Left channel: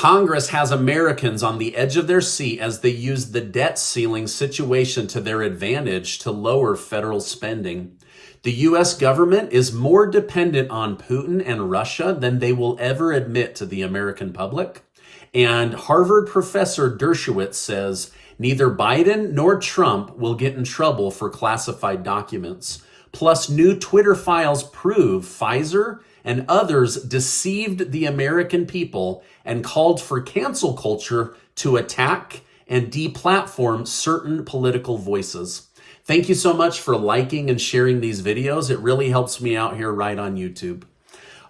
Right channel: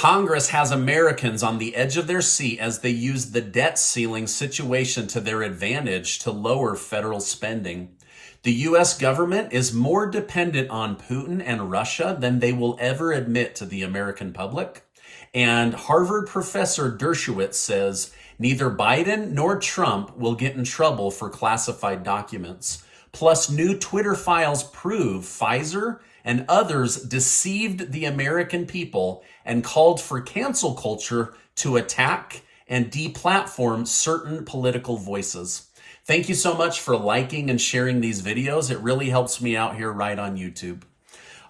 Congress has Americans on the edge of their seat as they use the debt ceiling situation to their advantage to lower federal spending. The U.S. government is more dependent on Putin and Russia than they will ever admit to the American public. And Harvard professor Dershowitz says neither Biden nor Trump will get in trouble for classified documents. Plus, new Twitter files prove Pfizer and others deceived the American people and called for cancel culture to attack and deplatform certain political voices. Thank you so much for liking and sharing these videos. It really helps me out here right on YouTube.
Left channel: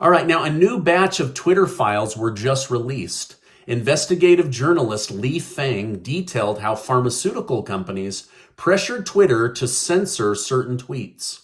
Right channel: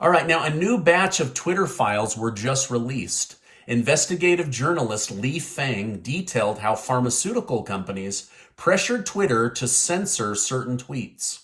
All right, now a new batch of Twitter files were just released. Investigative journalist Li Feng detailed how pharmaceutical companies pressured Twitter to censor certain tweets.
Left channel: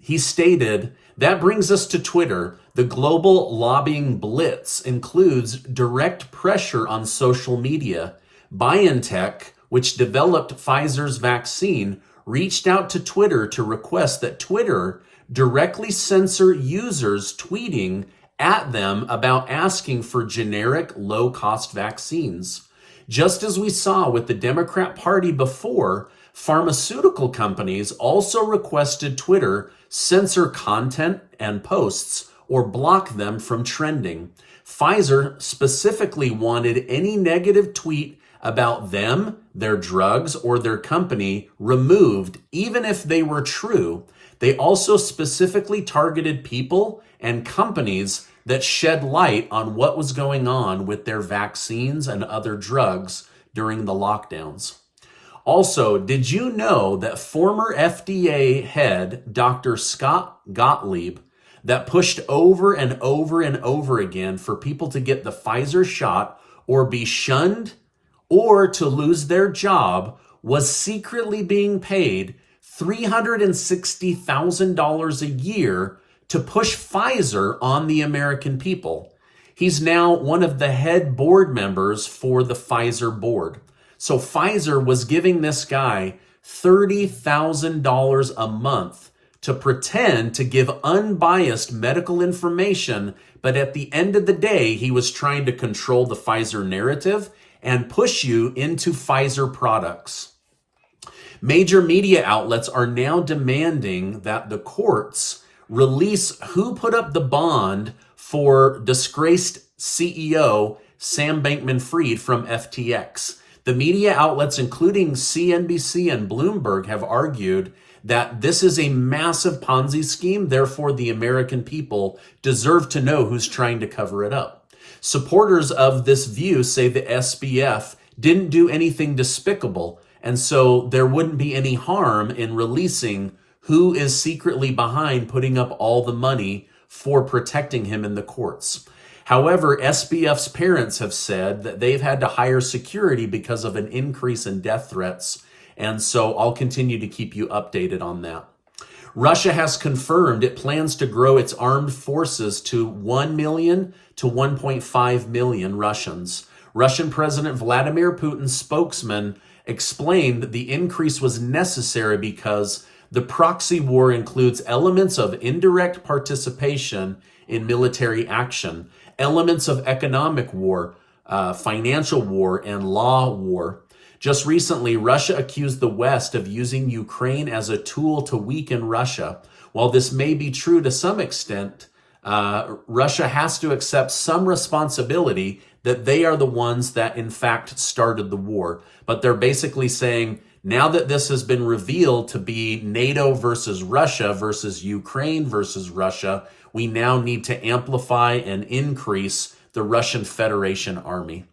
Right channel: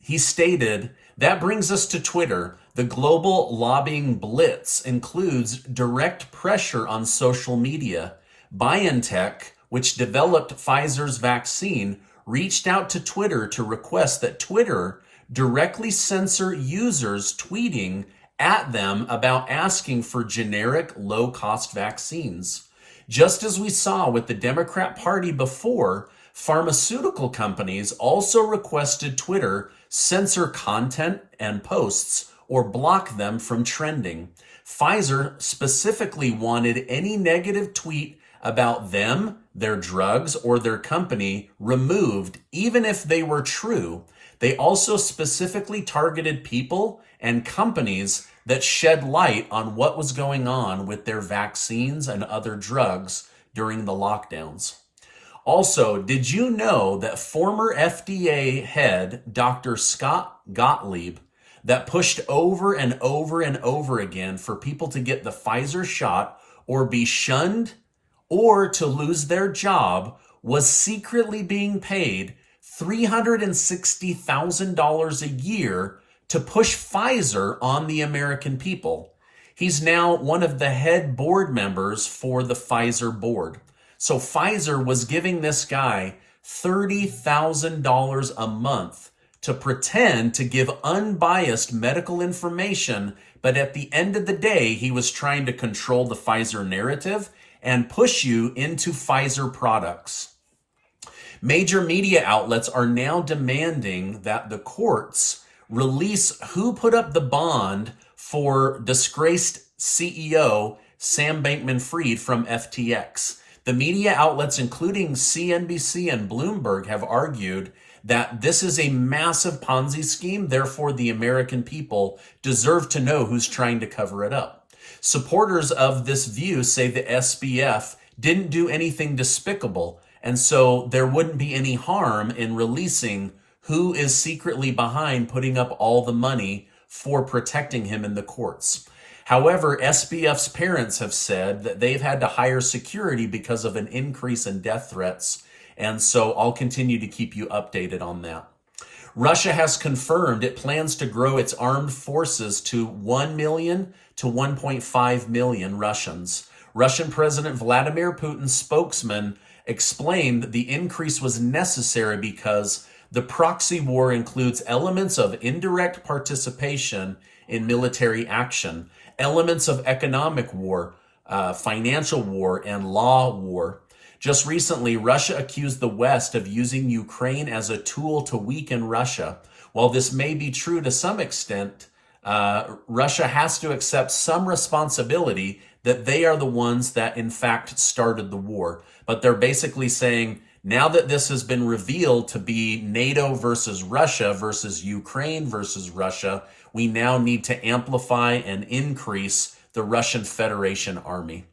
He stated, "That brings us to Twitter. The global lobbying blitz includes direct pressure on social media. BioNTech, which developed Pfizer's vaccine, reached out to Twitter to request that Twitter directly censor users tweeting at them about asking for generic low-cost vaccines. Just as we saw with the Democrat Party before, pharmaceutical companies also requested Twitter censor content and posts or block them from trending. Pfizer specifically wanted any negative tweet about them, their drugs, or their company removed, even if they were true. They also specifically targeted people and companies that shed light on what was going on with their vaccines and other drugs during the lockdowns." Also, did you know that former FDA head Dr. Scott Gottlieb, that pushed over and over and over again for people to get the Pfizer shot or be shunned or to lose their job, was secretly being paid $360,000 a year to push Pfizer on the American people? He's now one of the head board members for the Pfizer board. So Pfizer was giving this guy $30,000 a month to pretend to give unbiased medical information, but at the end of the day, he was trying to control the Pfizer narrative and push you into Pfizer products. Major media outlets are now demanding that the courts release who put up the bond for disgraced CEO Sam Bankman-Fried from FTX. The media outlets, including CNBC and Bloomberg, have argued that this is a massive Ponzi scheme. Therefore, the American people deserve to know who's trying to cover it up. Supporters of this view say the SBF didn't do anything despicable, and so there wouldn't be any harm in releasing who is secretly behind putting up all the money for protecting him in the courts. However, SBF's parents have said that they've had to hire security because of an increase in death threats, and so I'll continue to keep you updated on that. Russia has confirmed it plans to grow its armed forces to 1 million to 1.5 million Russians. Russian President Vladimir Putin's spokesman explained the increase was necessary because the proxy war includes elements of indirect participation in military action, elements of economic war, financial war, and law war. Just recently, Russia accused the West of using Ukraine as a tool to weaken Russia. While this may be true to some extent, Russia has to accept some responsibility that they are the ones that in fact started the war. But they're basically saying, now that this has been revealed to be NATO versus Russia versus Ukraine versus Russia, we now need to amplify and increase the Russian Federation army.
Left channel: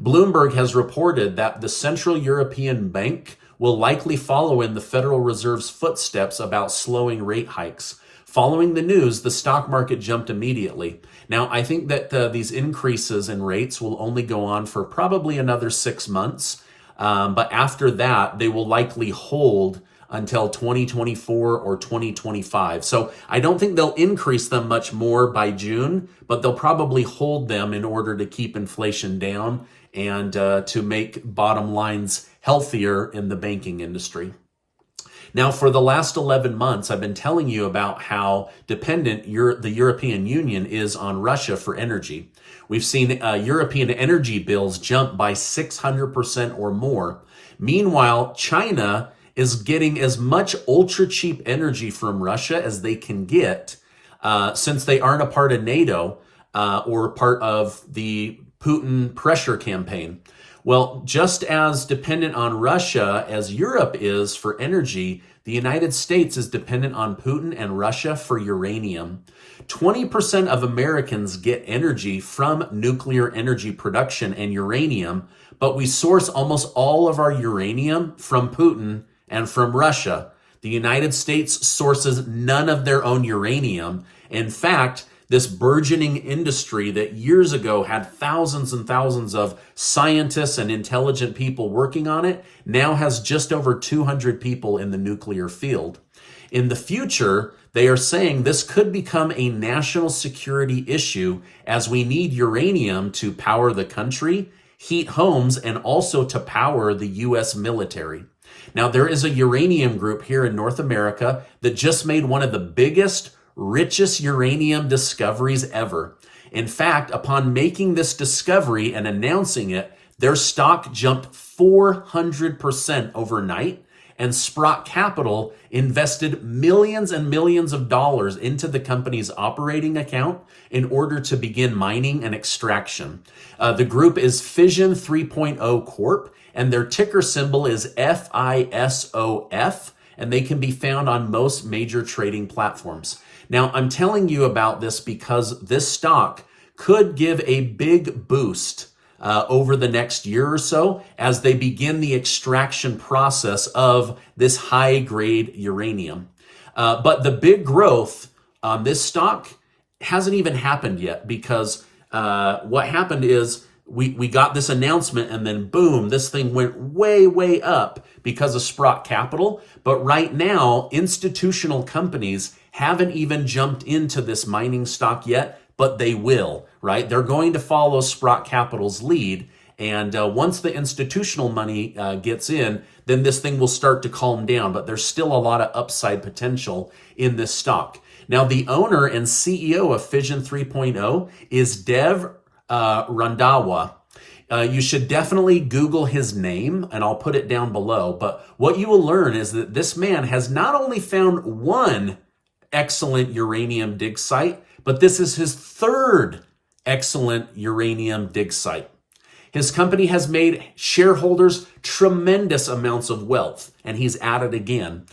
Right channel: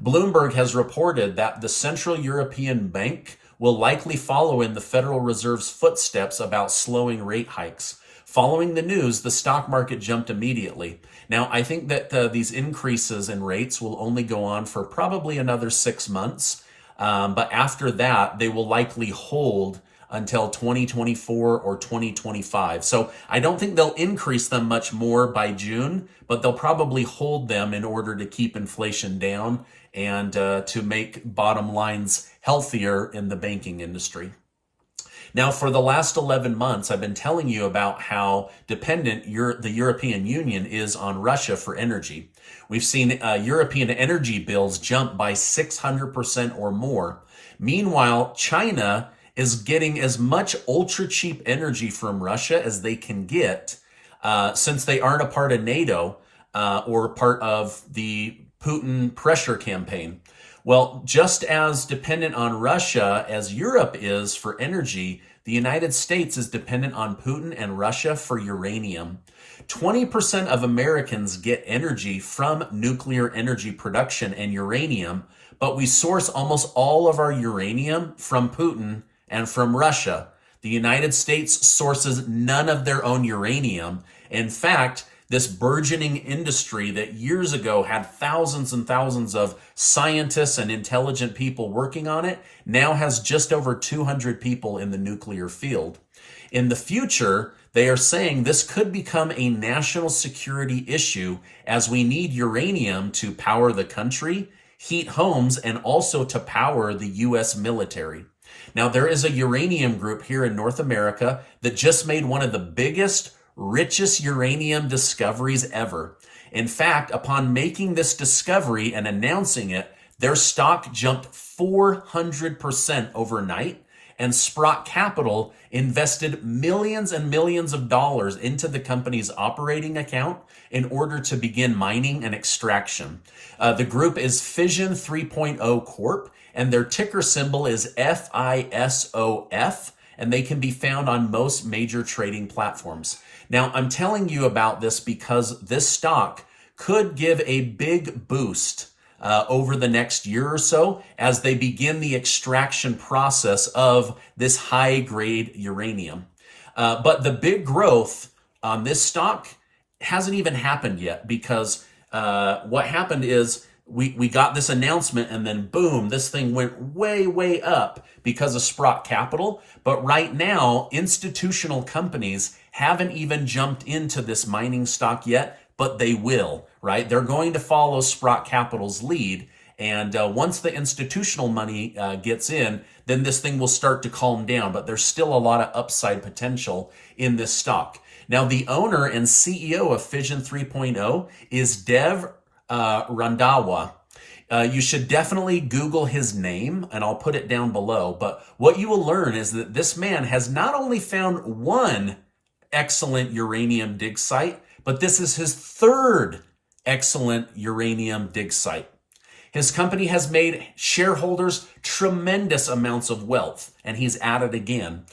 Bloomberg has reported that the Central European Bank will likely follow in the Federal Reserve's footsteps about slowing rate hikes. Following the news, the stock market jumped immediately. Now, I think that these increases in rates will only go on for probably another 6 months. But after that, they will likely hold until 2024 or 2025. So I don't think they'll increase them much more by June, but they'll probably hold them in order to keep inflation down and to make bottom lines healthier in the banking industry. Now, for the last 11 months, I've been telling you about how dependent the European Union is on Russia for energy. We've seen European energy bills jump by 600% or more. Meanwhile, China is getting as much ultra cheap energy from Russia as they can get, since they aren't a part of NATO or part of the Putin pressure campaign. Well, just as dependent on Russia as Europe is for energy, the United States is dependent on Putin and Russia for uranium. 20% of Americans get energy from nuclear energy production and uranium, but we source almost all of our uranium from Putin and from Russia. The United States sources none of their own uranium. In fact, this burgeoning industry that years ago had thousands and thousands of scientists and intelligent people working on it now has just over 200 people in the nuclear field. In the future, they are saying this could become a national security issue as we need uranium to power the country, heat homes, and also to power the U.S. military. Now, there is a uranium group here in North America that just made one of the biggest, richest uranium discoveries ever. In fact, upon making this discovery and announcing it, their stock jumped 400% overnight, and Sprott Capital invested millions and millions of dollars into the company's operating account in order to begin mining and extraction. The group is Fission 3.0 Corp, and their ticker symbol is FISOF, and they can be found on most major trading platforms. Now, I'm telling you about this because this stock could give a big boost over the next year or so as they begin the extraction process of this high-grade uranium. But the big growth on this stock hasn't even happened yet because what happened is we got this announcement and then boom, this thing went way, way up because of Sprott Capital. But right now, institutional companies haven't even jumped into this mining stock yet, but they will, right? They're going to follow Sprott Capital's lead. And once the institutional money gets in, then this thing will start to calm down. But there's still a lot of upside potential in this stock. Now, the owner and CEO of Fission 3.0 is Dev Randhawa. You should definitely Google his name, and I'll put it down below. But what you will learn is that this man has not only found one excellent uranium dig site, but this is his third excellent uranium dig site. His company has made shareholders tremendous amounts of wealth, and he's at it again.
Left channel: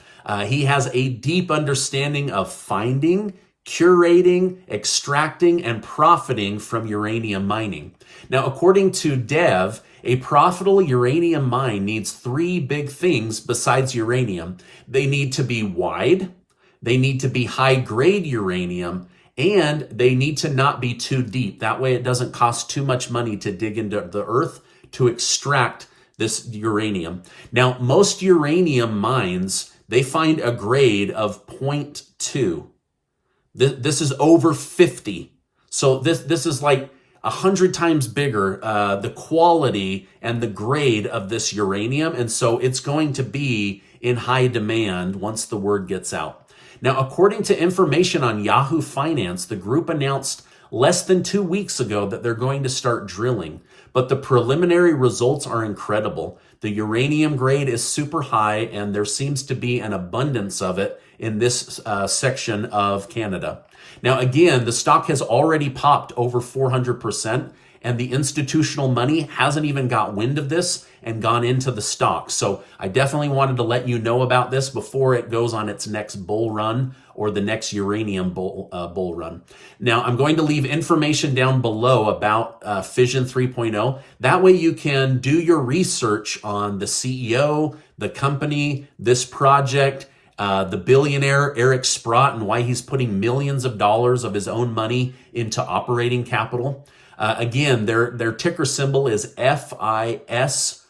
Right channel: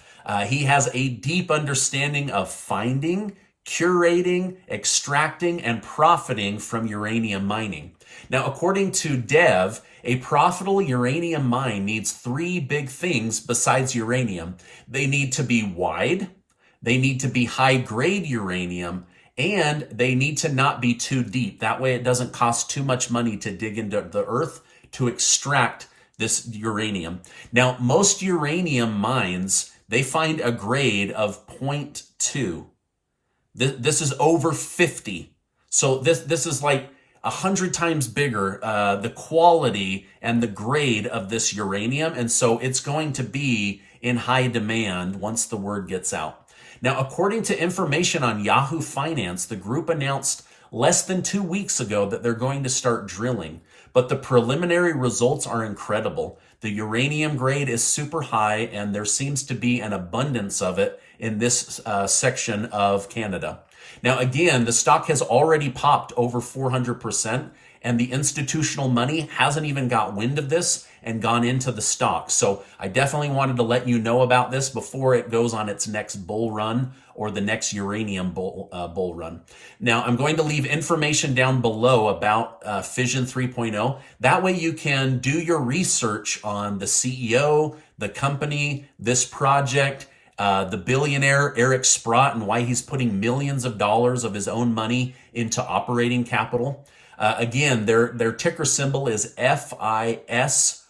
He has a deep understanding of finding, curating, extracting, and profiting from uranium mining. Now, according to Dev, a profitable uranium mine needs three big things besides uranium. They need to be wide, they need to be high-grade uranium, and they need to not be too deep. That way it doesn't cost too much money to dig into the earth to extract this uranium. Now, most uranium mines, they find a grade of 0.2. This is over 50. So this is like 100 times bigger, the quality and the grade of this uranium. And so it's going to be in high demand once the word gets out. Now, according to information on Yahoo Finance, the group announced less than 2 weeks ago that they're going to start drilling. But the preliminary results are incredible. The uranium grade is super high, and there seems to be an abundance of it in this section of Canada. Now, again, the stock has already popped over 400%, and the institutional money hasn't even got wind of this and gone into the stock. So I definitely wanted to let you know about this before it goes on its next bull run or the next uranium bull run. Now, I'm going to leave information down below about Fission 3.0. That way you can do your research on the CEO, the company, this project, the billionaire Eric Sprott, and why he's putting millions of dollars of his own money into operating capital. Again, their ticker symbol is FISOF,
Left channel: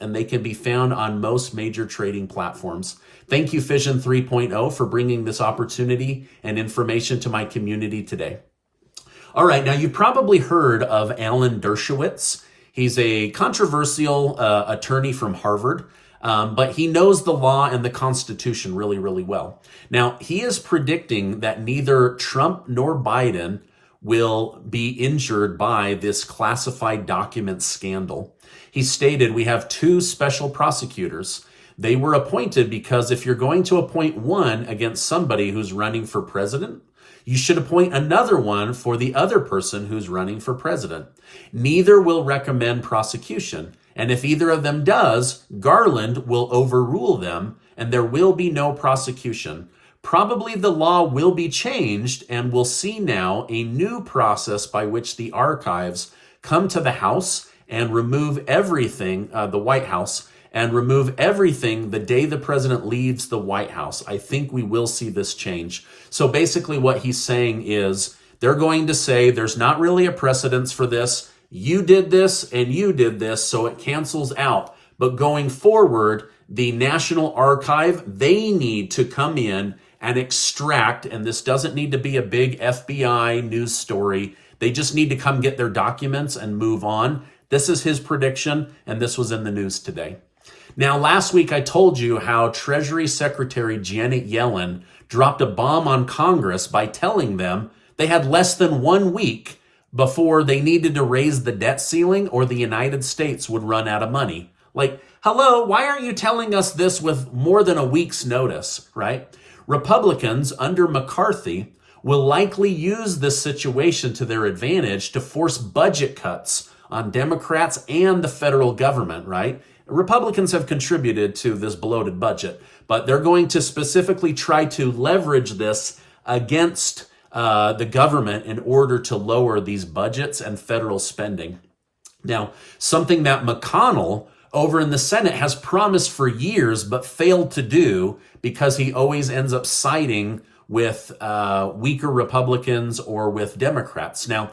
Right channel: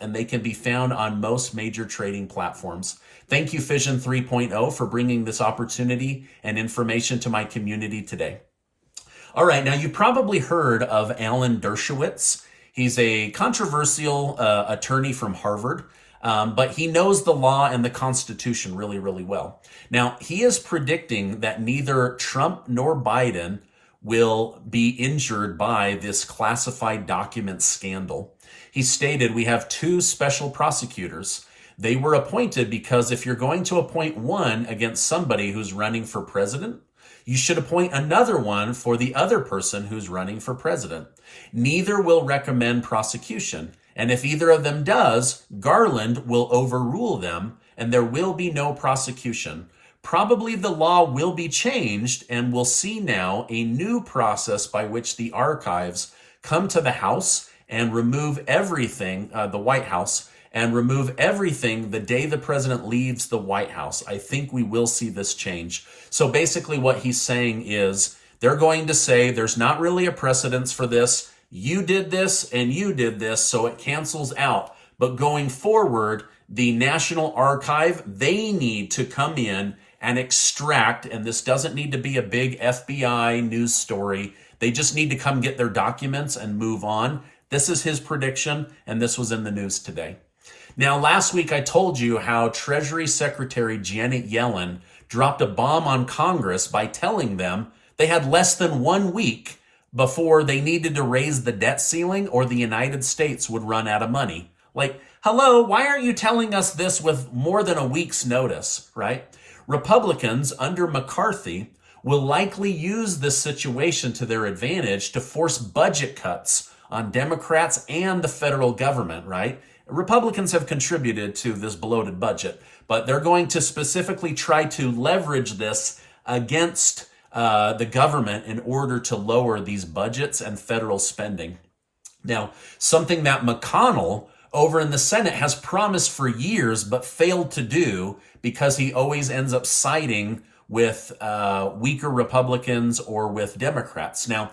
and they can be found on most major trading platforms. Thank you, Fission 3.0, for bringing this opportunity and information to my community today. All right, now you've probably heard of Alan Dershowitz. He's a controversial attorney from Harvard, but he knows the law and the Constitution really, really well. Now, he is predicting that neither Trump nor Biden will be injured by this classified document scandal. He stated, "We have two special prosecutors. They were appointed because if you're going to appoint one against somebody who's running for president, you should appoint another one for the other person who's running for president. Neither will recommend prosecution. And if either of them does, Garland will overrule them and there will be no prosecution. Probably the law will be changed and we'll see now a new process by which the archives come to the House and remove everything, the White House, and remove everything the day the president leaves the White House. I think we will see this change." So basically what he's saying is they're going to say there's not really a precedence for this. You did this and you did this, so it cancels out. But going forward, the National Archive, they need to come in and extract, and this doesn't need to be a big FBI news story. They just need to come get their documents and move on. This is his prediction, and this was in the news today. Now, last week I told you how Treasury Secretary Janet Yellen dropped a bomb on Congress by telling them they had less than 1 week before they needed to raise the debt ceiling or the United States would run out of money. Like, hello, why aren't you telling us this with more than a week's notice, right? Republicans under McCarthy will likely use this situation to their advantage to force budget cuts on Democrats and the federal government, right? Republicans have contributed to this bloated budget, but they're going to specifically try to leverage this against the government in order to lower these budgets and federal spending. Now, something that McConnell over in the Senate has promised for years but failed to do because he always ends up siding with weaker Republicans or with Democrats. Now,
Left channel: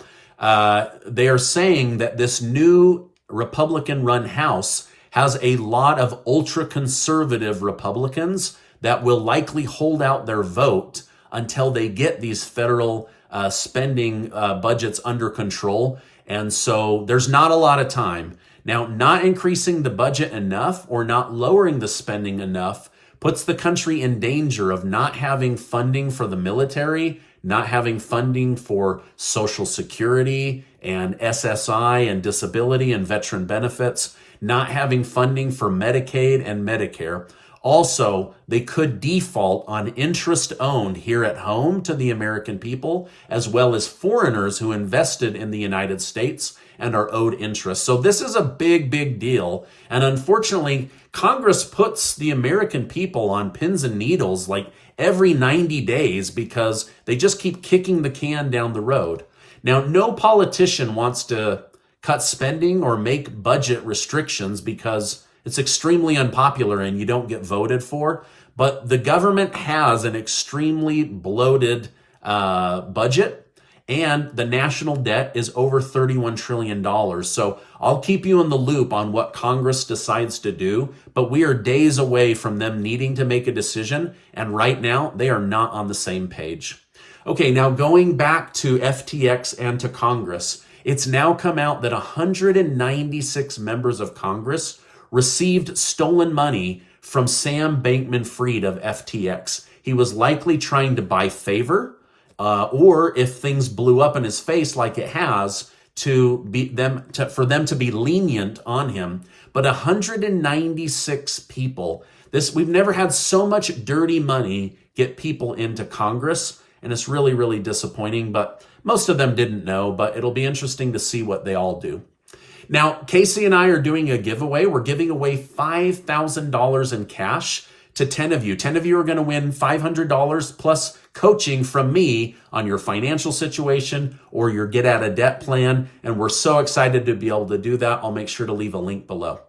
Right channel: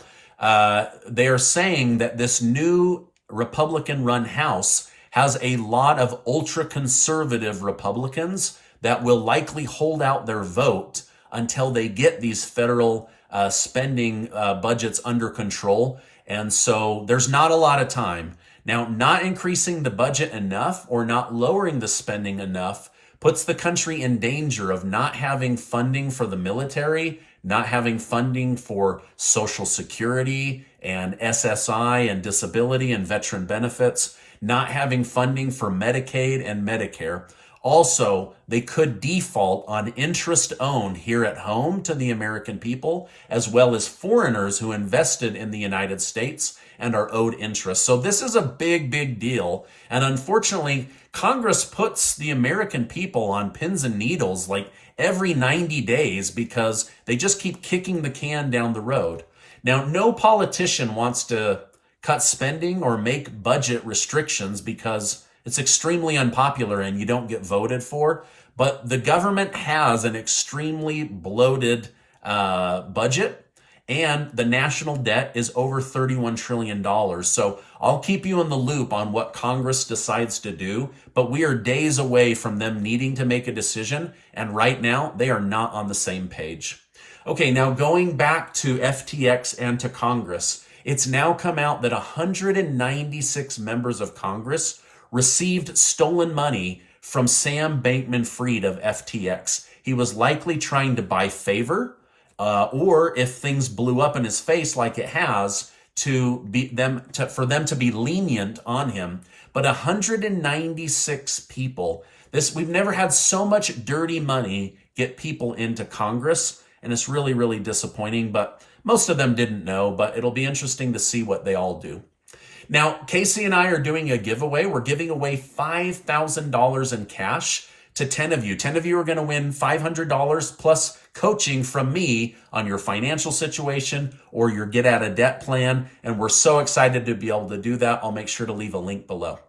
they are saying that this new Republican-run House has a lot of ultra-conservative Republicans that will likely hold out their vote until they get these federal spending budgets under control. And so there's not a lot of time. Now, not increasing the budget enough or not lowering the spending enough puts the country in danger of not having funding for the military, not having funding for Social Security and SSI and disability and veteran benefits, not having funding for Medicaid and Medicare. Also, they could default on interest owned here at home to the American people, as well as foreigners who invested in the United States and are owed interest. So this is a big, big deal. And unfortunately, Congress puts the American people on pins and needles like every 90 days because they just keep kicking the can down the road. Now, no politician wants to cut spending or make budget restrictions because it's extremely unpopular and you don't get voted for. But the government has an extremely bloated budget, and the national debt is over $31 trillion. So I'll keep you in the loop on what Congress decides to do, but we are days away from them needing to make a decision, and right now they are not on the same page. Okay, now going back to FTX and to Congress, it's now come out that 196 members of Congress received stolen money from Sam Bankman-Fried of FTX. He was likely trying to buy favor, or if things blew up in his face like it has, for them to be lenient on him. But 196 people. We've never had so much dirty money get people into Congress, and it's really, really disappointing. But most of them didn't know, but it'll be interesting to see what they all do. Now, Casey and I are doing a giveaway. We're giving away $5,000 in cash to 10 of you. 10 of you are going to win $500 plus coaching from me on your financial situation or your get out of debt plan. And we're so excited to be able to do that. I'll make sure to leave a link below.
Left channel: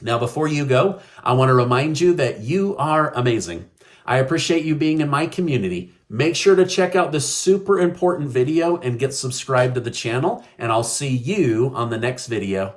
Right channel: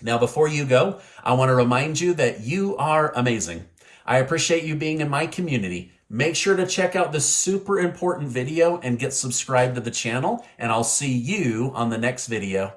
Now, before you go, I want to remind you that you are amazing. I appreciate you being in my community. Make sure to check out this super important video and get subscribed to the channel, and I'll see you on the next video.